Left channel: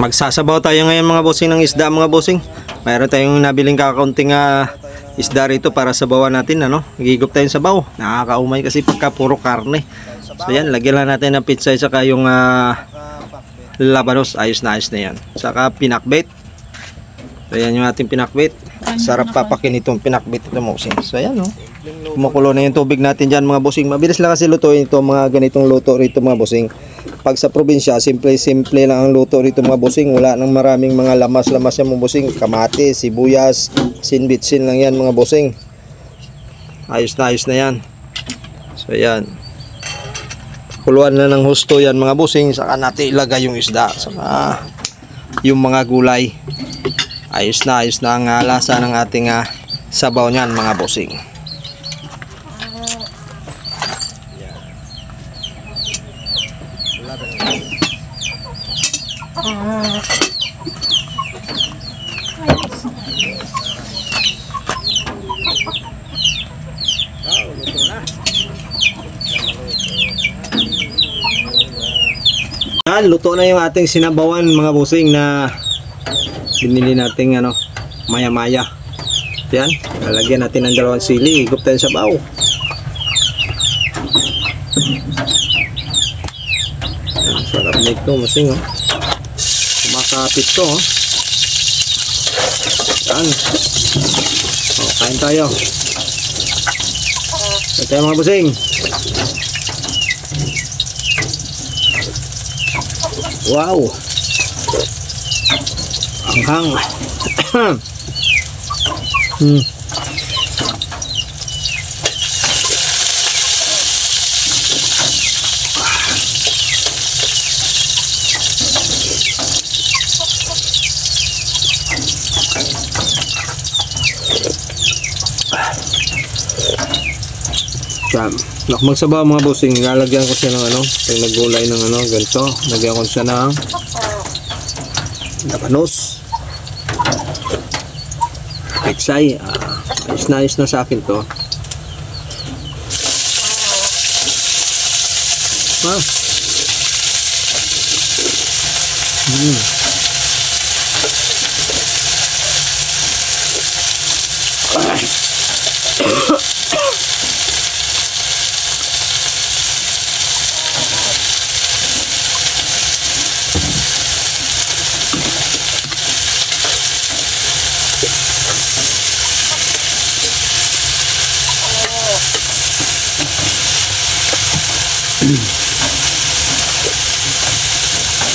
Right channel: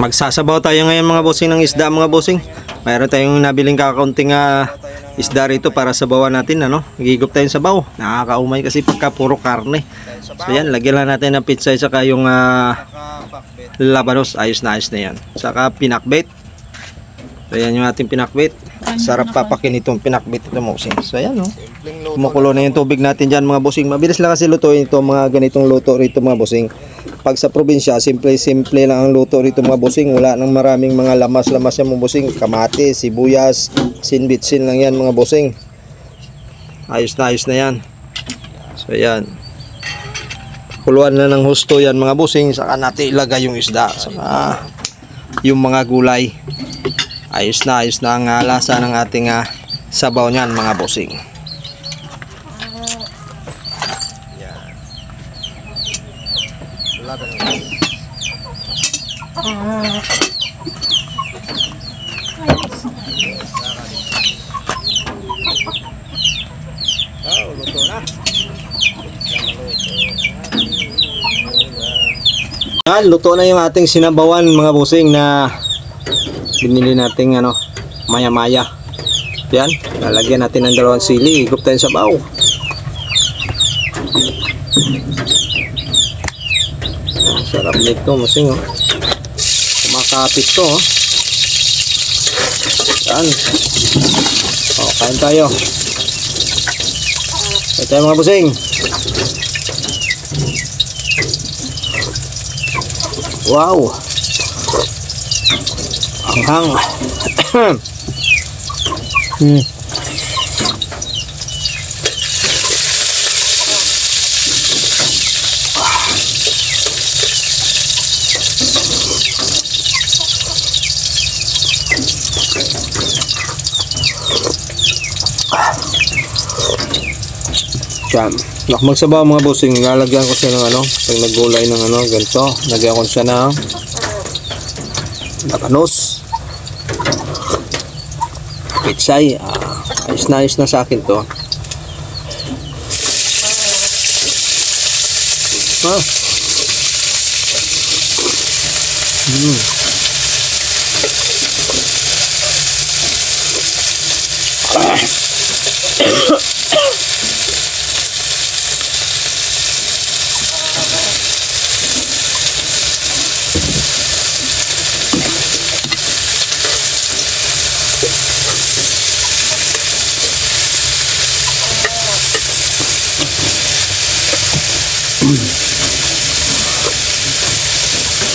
Magsasabaw tayo ngayon mga bossing ng isda mga bossing. Mayroon tayong nabiling kakaunting isda rito para sabawan natin ano. Gigop tayong sabaw. Nakakaumay kasi pagka puro karne. So yan, lagyan lang natin ng pizza saka yung labanos. Ayos na yan. Saka pinakbet. So yan yung ating pinakbet. Sarap papakin itong pinakbet ito bossing. So yan no. Kumukulo na yung tubig natin dyan mga bossing. Mabilis lang kasi lutuin ito mga ganitong luto rito mga bossing. Pag sa probinsya, simple lang ang luto rito mga bossing. Wala nang maraming mga lamas-lamas yan mga bossing. Kamate, sibuyas, sinbitsin lang yan mga bossing. Ayos na yan. So yan. Kuluan na ng husto yan mga bossing. Saka natin ilagay yung isda. Saka yung mga gulay. Ayos na ang lasa ng ating sabaw niyan mga bossing. Yan, luto na yung ating sinabawan mga bossing na binili nating maya-maya. Yan, lalagyan natin ng 2 sili, higop tayo sa sabaw. Sarap nito bossing oh. Kumakapit to oh. Yan. Oh, kain tayo. Kain tayo mga bossing. Wow. Anghang. Yan. Magsabaw mga bossing, lalagyan ko siya ng pag naggulay ng ganito, lagyan ko siya ng labanos, peksay. Ayos na sa akin to.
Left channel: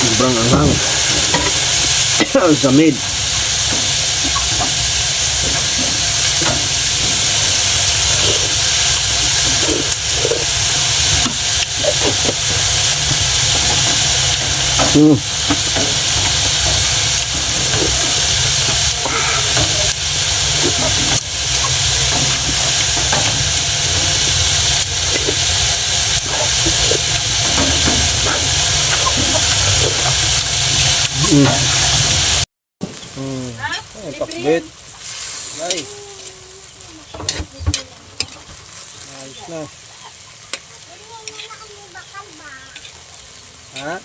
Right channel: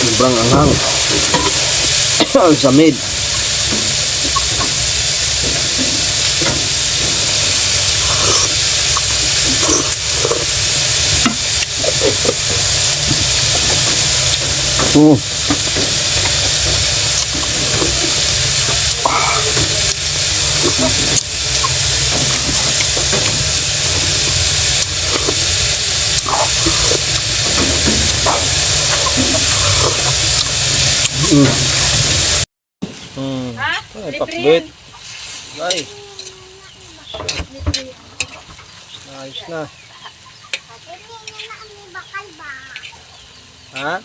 Sobrang anghang. Ang samid. Ay, pakbet. Ay. Ayos na. Ha?